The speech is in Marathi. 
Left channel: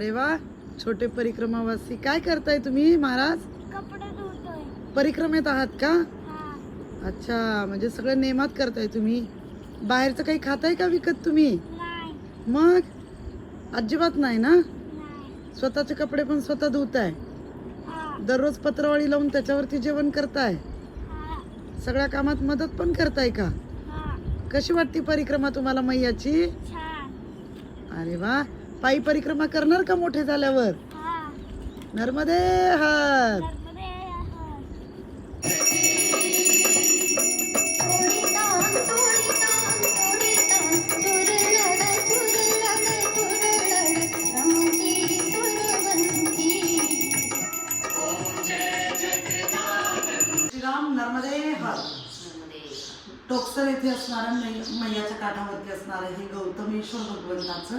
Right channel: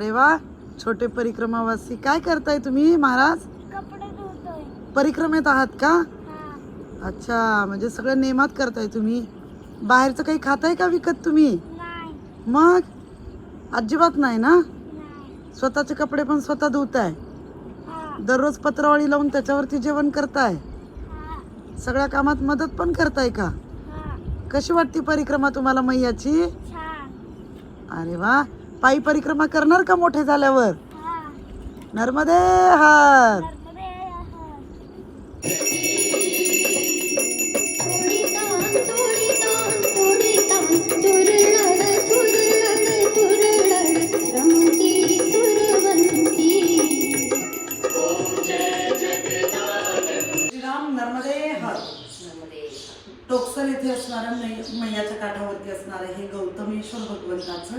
अरे वा छोटे परिक्रमावासी. काय करताय तुम्ही महाराज? कपडे धुतोय. परिक्रमेत आहात का? हा. अच्छा म्हणजे सगळं नेमात करताय तुम्ही. बाहेरचं काही खाताय का विकत तुम्ही? नाही. मग? अजिबात नाही ना? नाही. स्वतःचे कपडे पण स्वतः धुताय? हा. दररोज पत्रावळी लावून त्याच्यावरती जेवण करताय? हा. सगळ्या कामात मदत पण करताय का? हा. कशी वाटते परिक्रमा तुम्हाला मैयाची? छान. अरे वा पायी परिक्रमा करणार का मोठे झाल्यावर? नर्मदे हार श्रीराम नर्मदे टोकसर येथे असणारं मैयाच्या काठावरती असणारं हे गौतमेश्वर भगवंताचं